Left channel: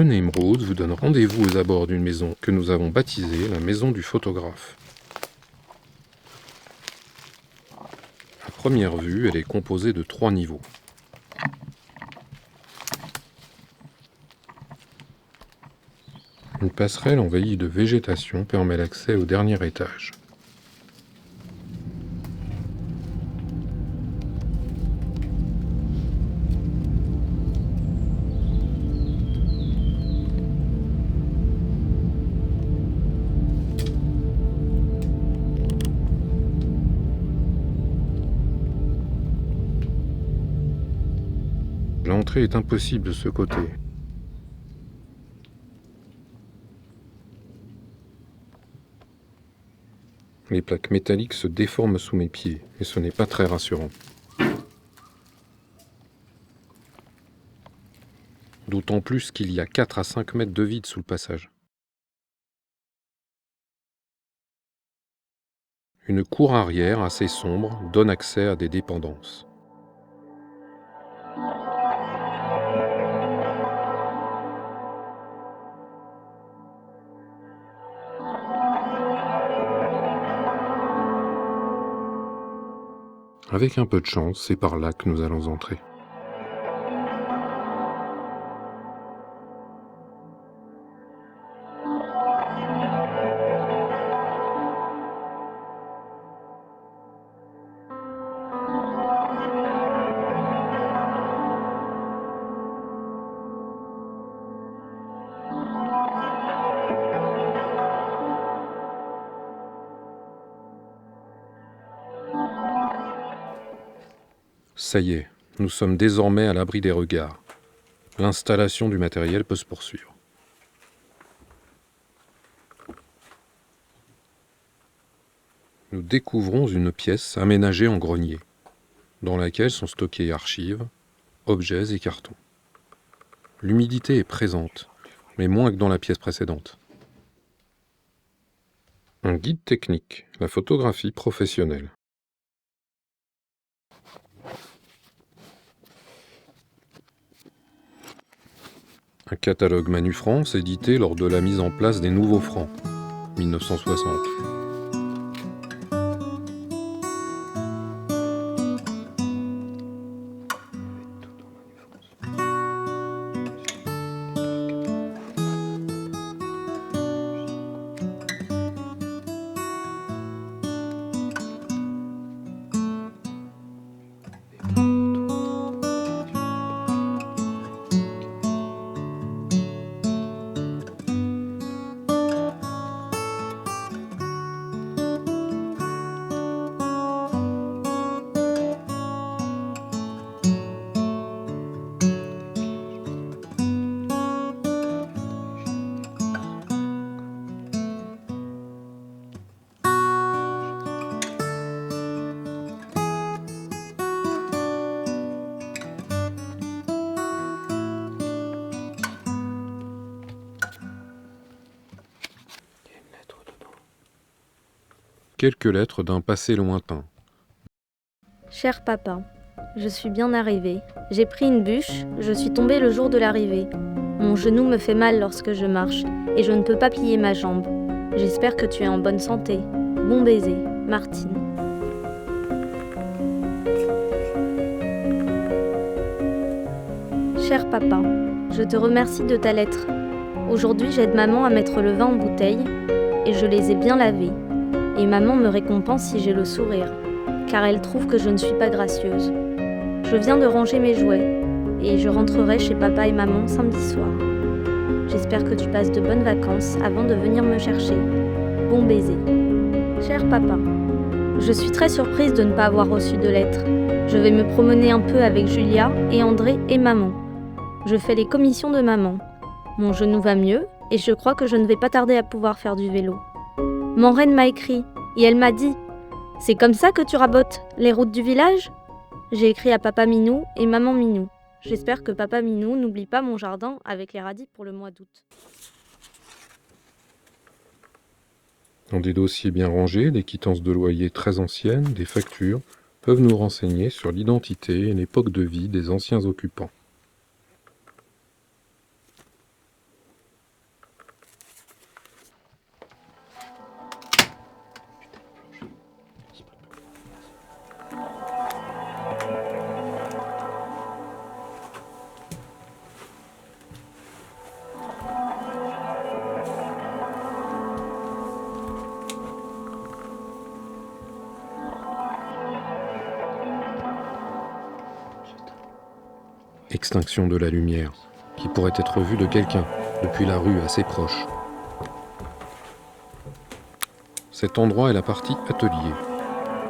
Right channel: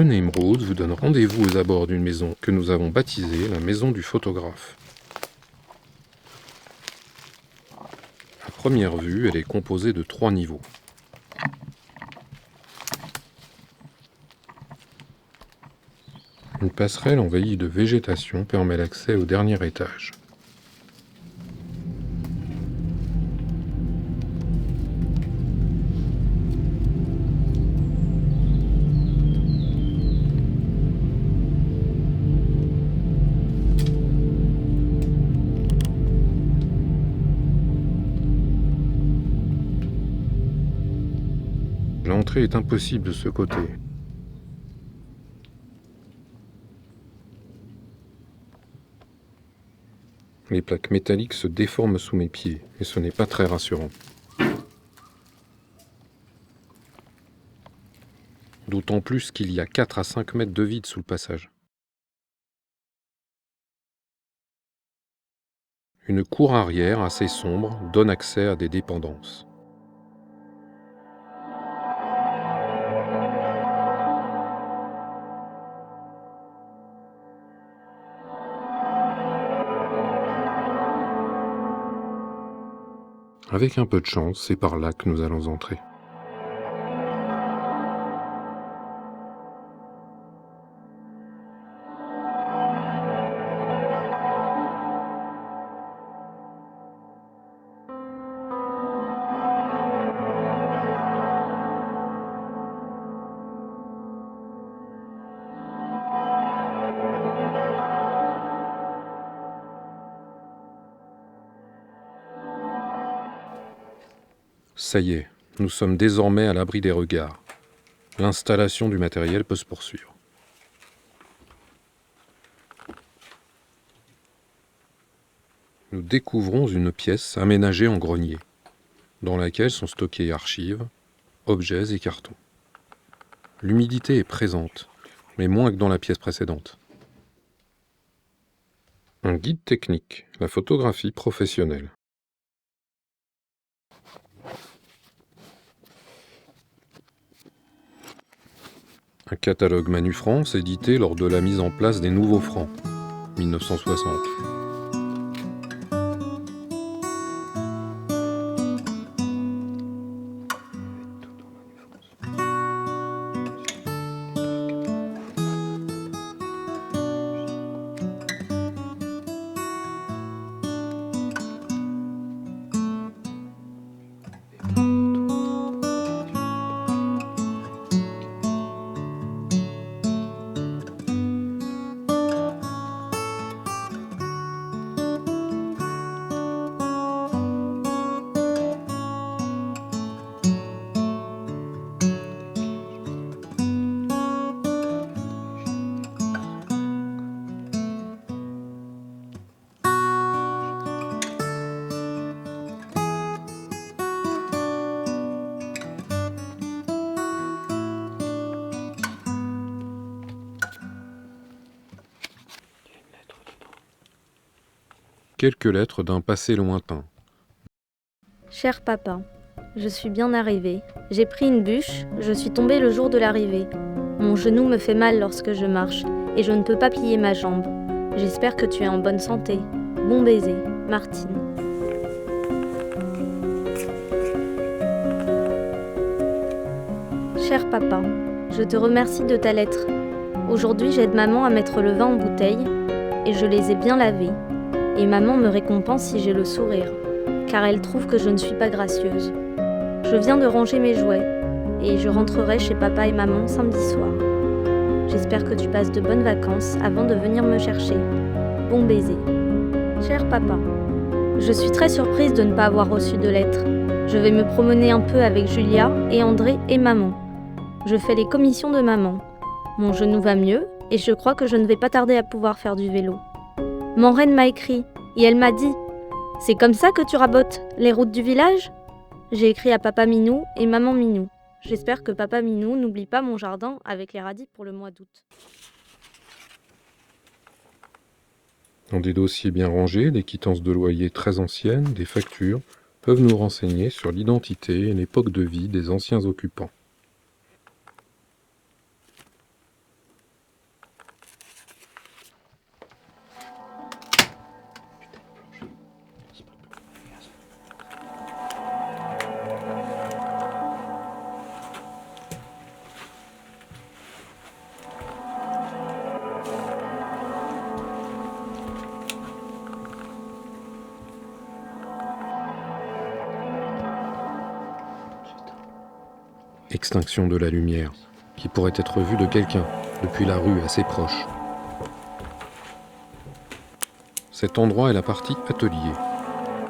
Unnamed Roads vous donne rendez-vous aux abords d'une maison que nous avons baptisée la maison du photographe. À première vue, elle est composée de 3 niveaux. Une passerelle envahie de végétation permet l'accès au dernier étage. L'entrée est impossible de ce côté. Les plaques métalliques se déforment sous mes pieds, et ce n'est pas très rassurant. D'autant plus qu'il y a 4 à 5 mètres de vide sous le passage. Une cour arrière assez sombre donne accès à des dépendances. Avec un peu de chance, c'est par là que nous allons entrer. Ça y est, nous sommes désormais à l'abri des regards. L'installation du matériel peut se poursuivre. Nous découvrons une pièce aménagée en grenier, dans laquelle sont stockés archives, objets et cartons. L'humidité est présente, mais moins que dans la pièce précédente. Un guide technique, la photographie professionnelle. Un catalogue Manu France édité lors de la mise en place des nouveaux francs, 1960. Quelques lettres d'un passé lointain. Cher papa, je suis bien arrivée. J'ai pris une bûche, je suis tombée le jour de l'arrivée. Mon genou me fait mal lorsque je marche et je ne peux pas plier ma jambe. J'espère que tu es en bonne santé. Bon baiser, Martine. Cher papa, je te remercie de ta lettre. Aujourd'hui, j'aide maman à mettre le vin en bouteille et je les ai bien lavés. Et maman me récompense si j'ai le sourire, car elle trouve que je ne suis pas gracieuse. Je viens de ranger mes jouets, et je rentrerai chez papa et maman samedi soir. J'espère que tu passes de bonnes vacances avant de venir me chercher. Bon baiser. Cher papa, je suis très surprise de ne pas avoir reçu de lettre. Je vais me promener un peu avec Julia et André et maman. Je fais les commissions de maman. Mon genou va mieux, et je crois que je ne vais pas tarder à pouvoir faire du vélo. Maureen m'a écrit, et elle m'a dit « C'est comme ça que tu rabotes les routes du village ?» J'ai écrit à papa Minou et maman Minou. J'espère que papa Minou n'oublie pas mon jardin avec les radis pour le mois d'août. Dans des dossiers bien rangés, des quittances de loyer très anciennes, des factures peuvent nous renseigner sur l'identité et l'époque de vie des anciens occupants. Extinction de la lumière, qui pourrait être vue de quelqu'un, depuis la rue assez proche. Cet endroit est la partie atelier.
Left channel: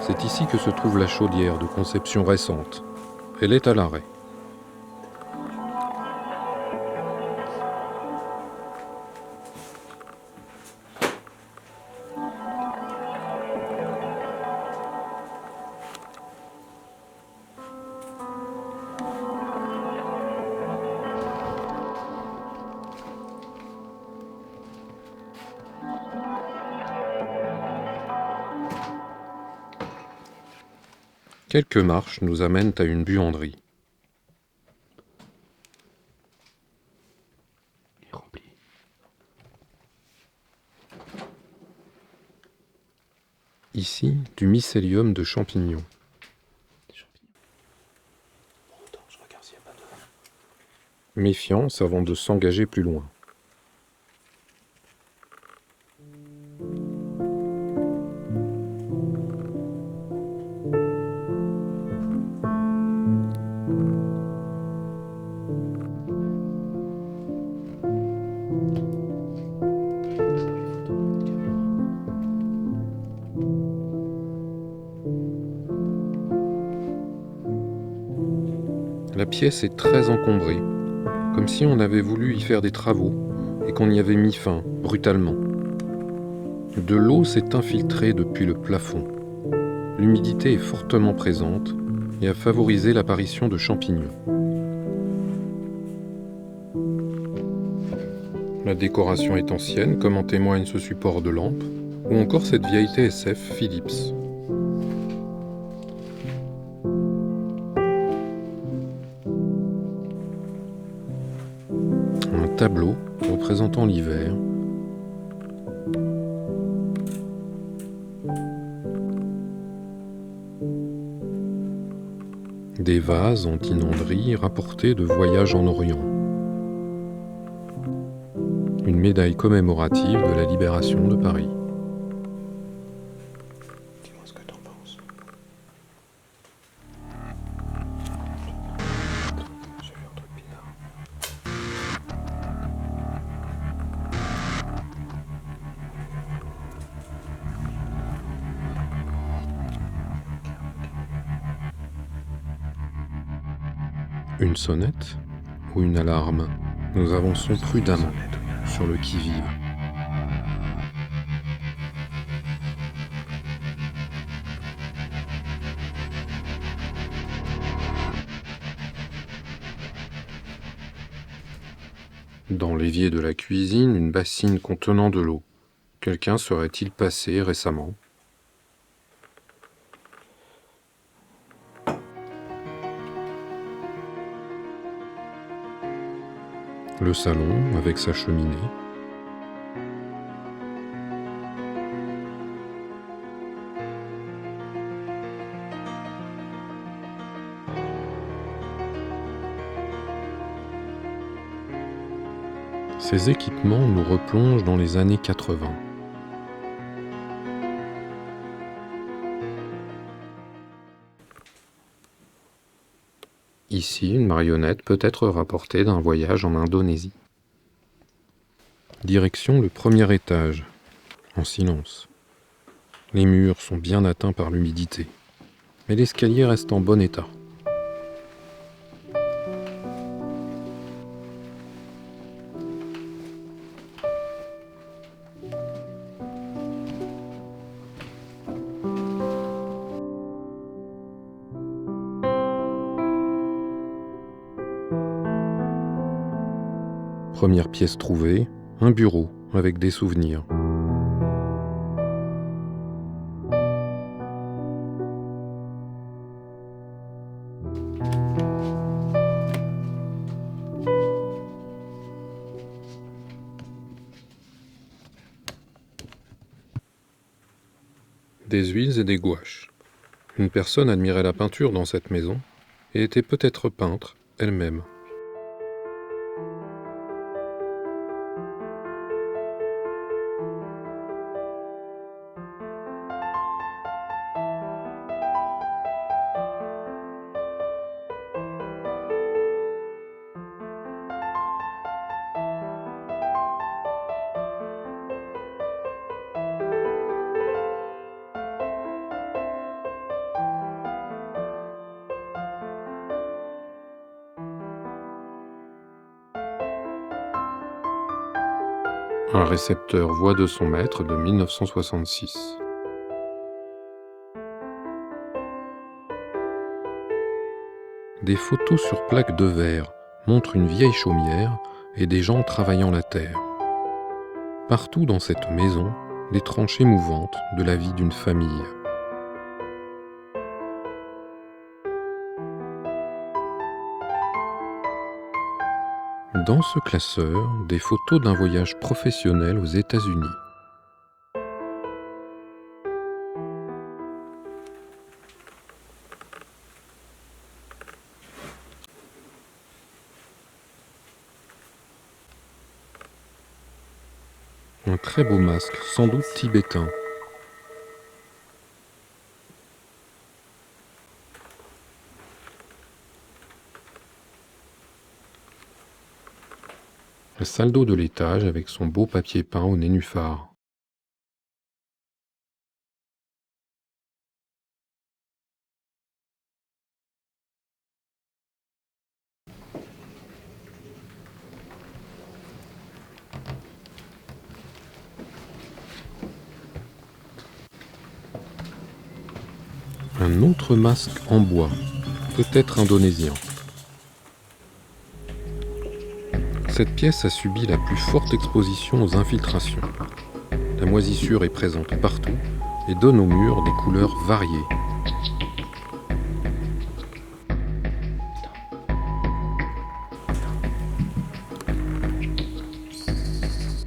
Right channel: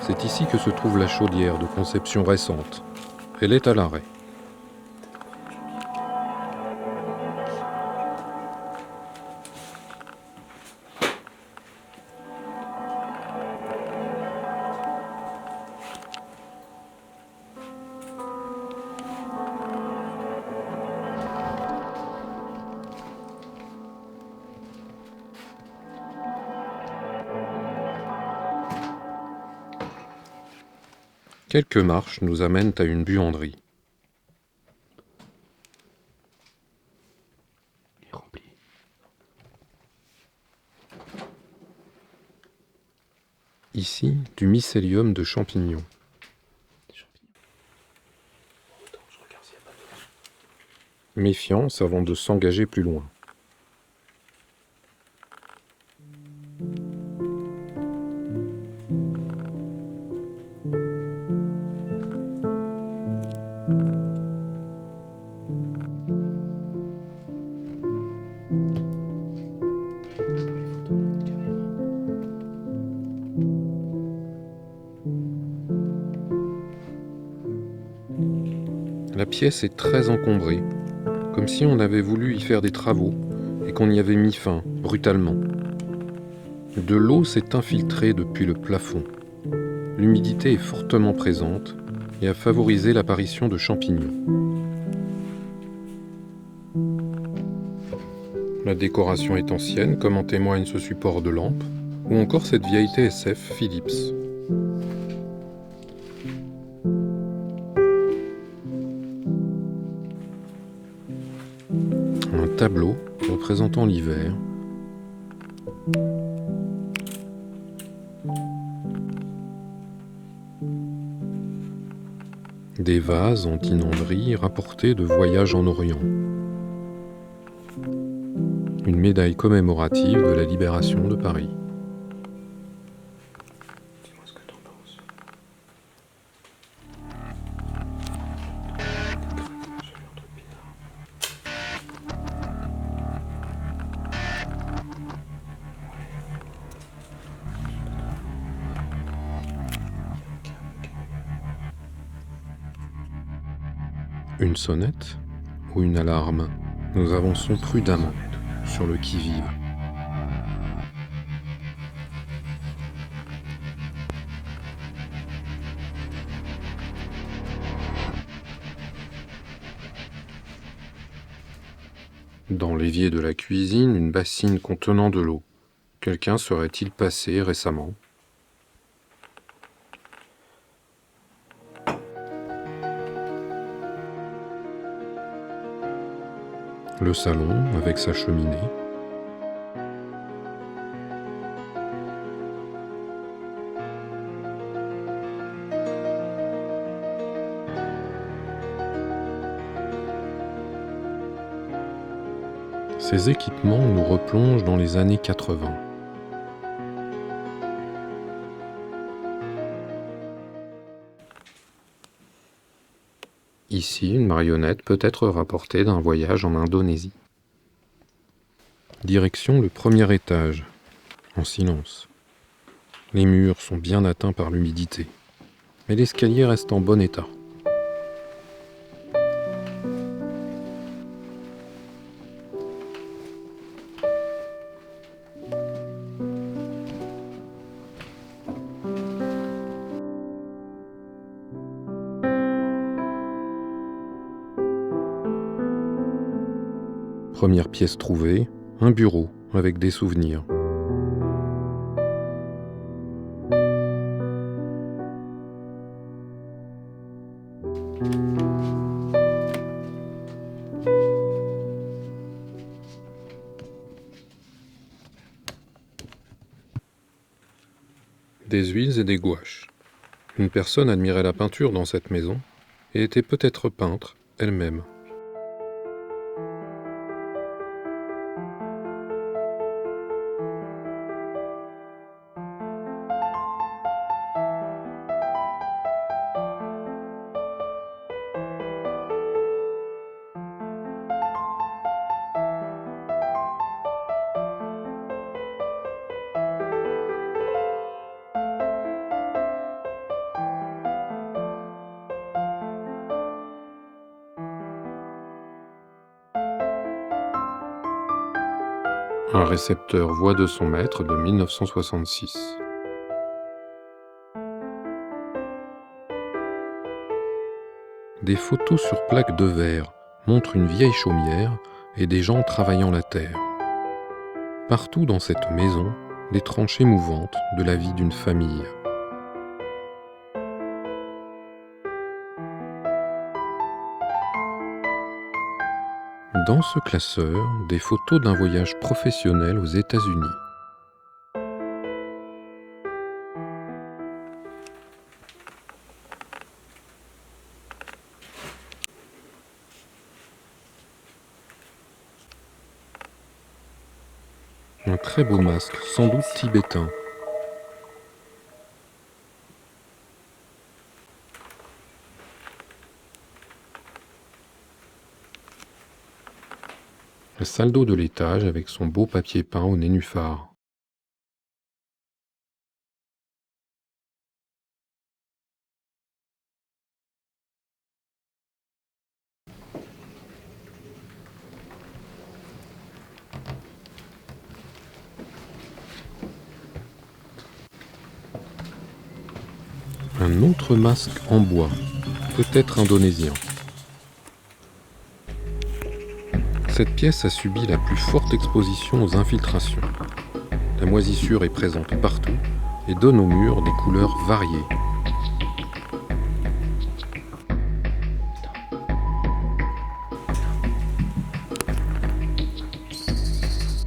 C'est ici que se trouve la chaudière de conception récente. Elle est à l'arrêt. Quelques marches nous amènent à une buanderie. Ici, du mycélium de champignons. Méfiance avant de s'engager plus loin. La pièce est très encombrée, comme si on avait voulu y faire des travaux et qu'on y avait mis fin brutalement. De l'eau s'est infiltrée depuis le plafond. L'humidité est fortement présente et a favorisé l'apparition de champignons. La décoration est ancienne, comme en témoigne ce support de lampe, ou encore cette vieille TSF Philips. Un tableau représentant l'hiver. Des vases en tinanderie rapportés de voyages en Orient. Une médaille commémorative de la libération de Paris. Dis-moi ce que t'en penses. Une sonnette ou une alarme? Nous avançons prudemment sur le qui-vive. Dans l'évier de la cuisine, une bassine contenant de l'eau. Quelqu'un serait-il passé récemment? Le salon avec sa cheminée. Ces équipements nous replongent dans les années 80. Ici, une marionnette peut être rapportée d'un voyage en Indonésie. Direction le premier étage, en silence. Les murs sont bien atteints par l'humidité, mais l'escalier reste en bon état. Première pièce trouvée, un bureau avec des souvenirs. Des huiles et des gouaches. Une personne admirait la peinture dans cette maison et était peut-être peintre elle-même. Un récepteur Voix de son maître de 1966. Des photos sur plaques de verre montrent une vieille chaumière et des gens travaillant la terre. Partout dans cette maison, des tranches émouvantes de la vie d'une famille. Dans ce classeur, des photos d'un voyage professionnel aux États-Unis. Un très beau masque, sans doute tibétain. La salle d'eau de l'étage avec son beau papier peint au nénuphar. Un autre masque en bois, peut-être indonésien. Cette pièce a subi la plus forte exposition aux infiltrations. La moisissure est présente partout et donne aux murs des couleurs variées.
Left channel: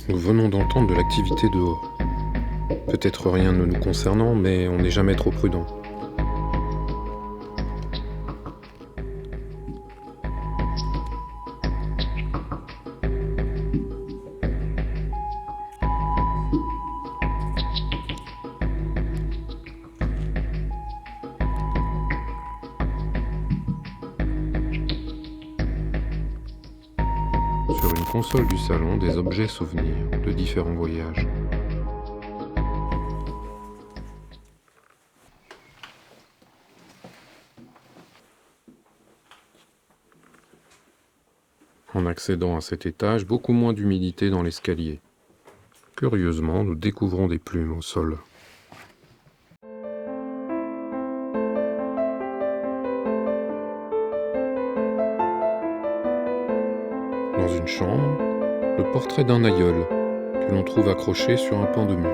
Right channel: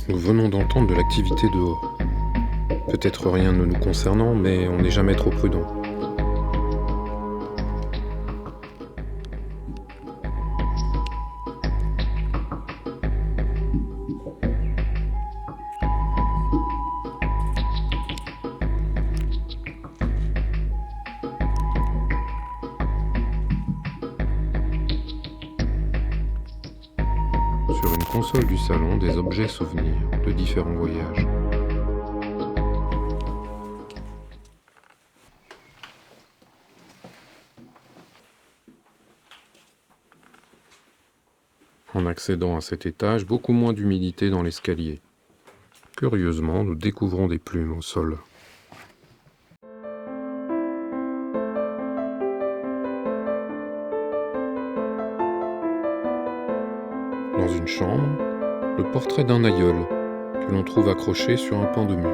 Nous venons d'entendre de l'activité dehors. Peut-être rien ne nous concernant, mais on n'est jamais trop prudent. Sur une console du salon, des objets souvenirs de différents voyages. En accédant à cet étage, beaucoup moins d'humidité dans l'escalier. Curieusement, nous découvrons des plumes au sol. Dans une chambre, le portrait d'un aïeul que l'on trouve accroché sur un pan de mur.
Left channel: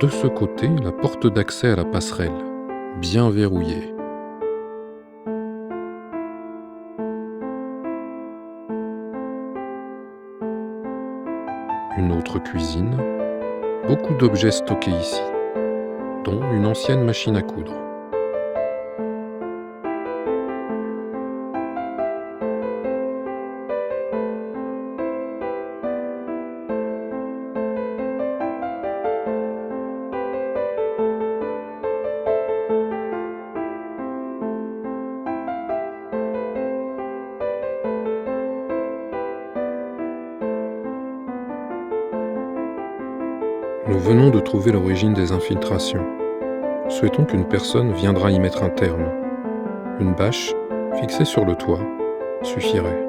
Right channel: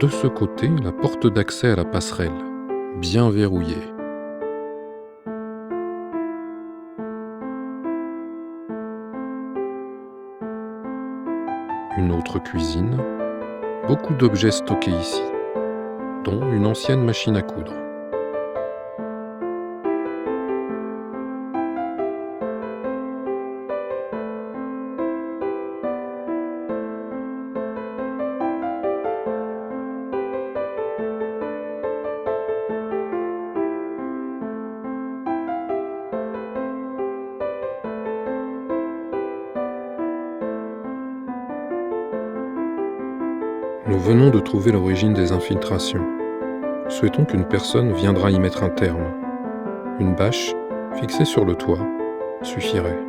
De ce côté, la porte d'accès à la passerelle, bien verrouillée. Une autre cuisine, beaucoup d'objets stockés ici, dont une ancienne machine à coudre. Nous venons de trouver l'origine des infiltrations. Souhaitons qu'une personne viendra y mettre un terme. Une bâche, fixée sur le toit, suffirait.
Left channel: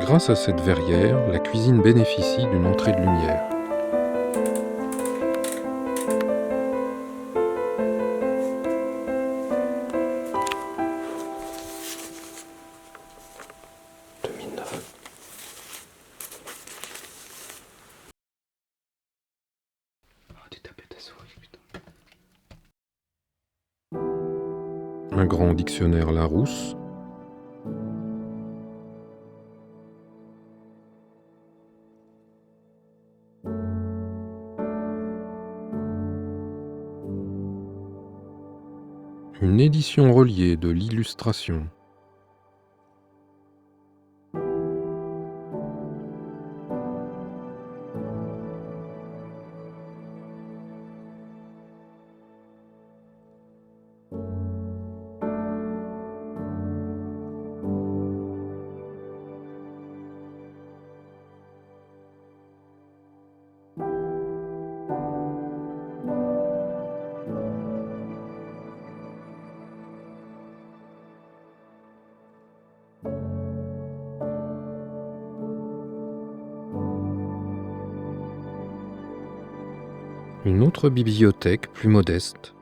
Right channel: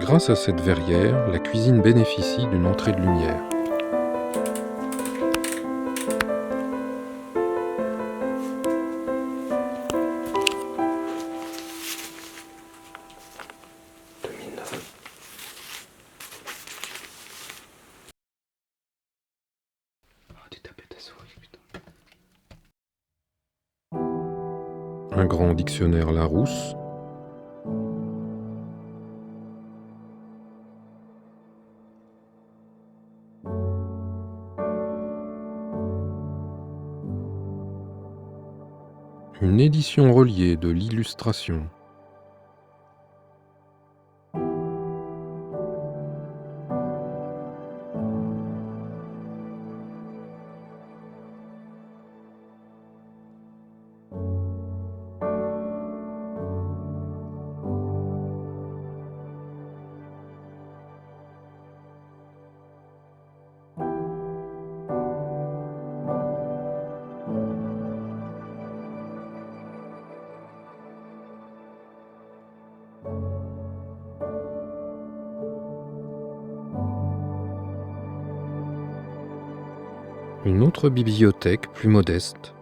Grâce à cette verrière, la cuisine bénéficie d'une entrée de lumière. Un grand dictionnaire Larousse. Une édition reliée de l'illustration. Une autre bibliothèque plus modeste.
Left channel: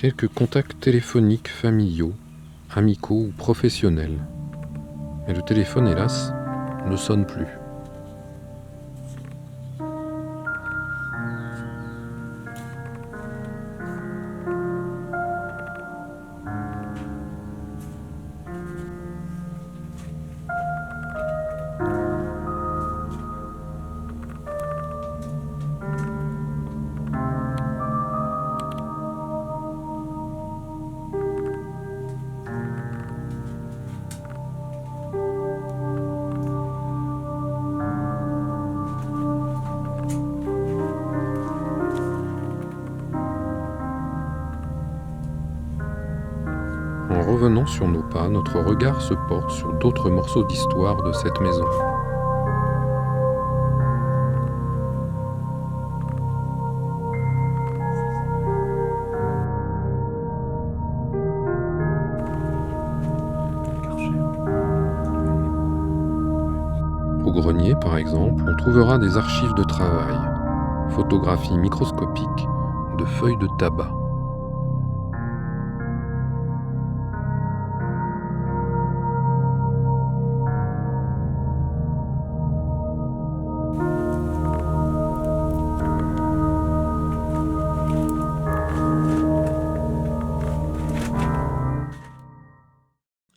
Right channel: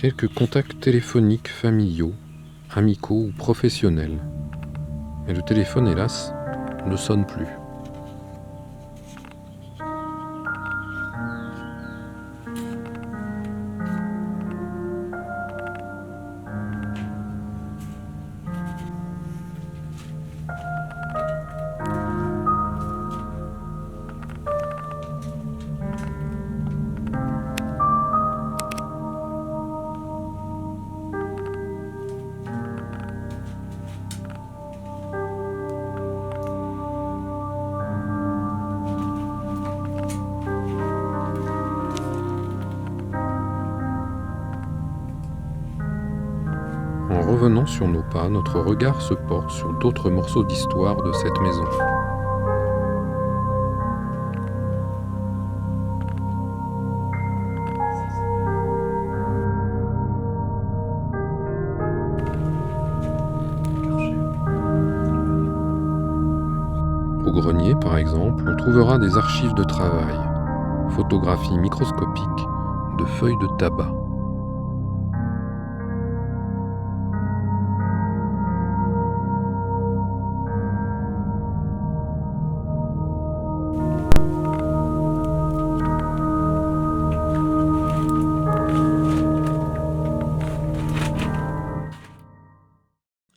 Quelques contacts téléphoniques familiaux, amicaux ou professionnels. Mais le téléphone, hélas, ne sonne plus. En revenant sur nos pas, notre regard se porte sur d'autres morceaux d'histoire de cette maison. Au grenier, par exemple, on trouvera des archives de travail, photographies microscopiques de feuilles de tabac.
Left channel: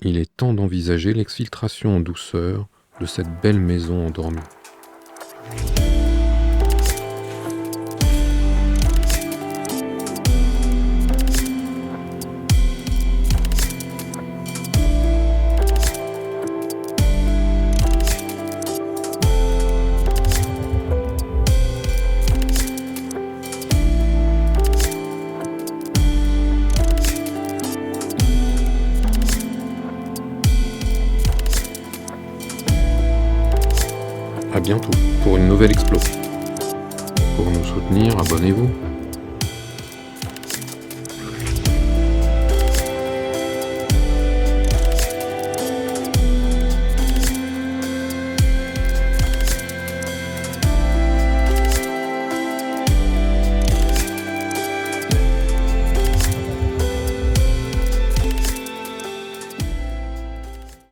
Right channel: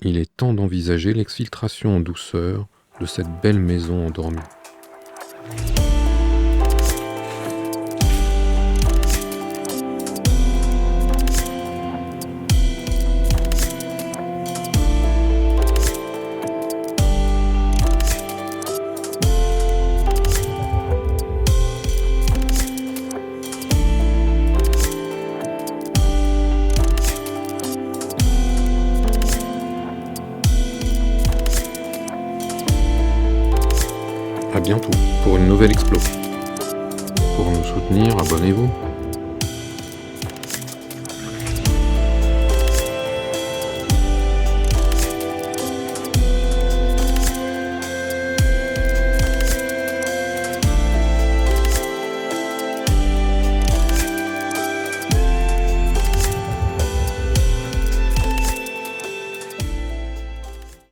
Il est temps d'envisager l'exfiltration en douceur de cette belle maison endormie. À bientôt pour une nouvelle explo. Pour nous soutenir, abonnez-vous.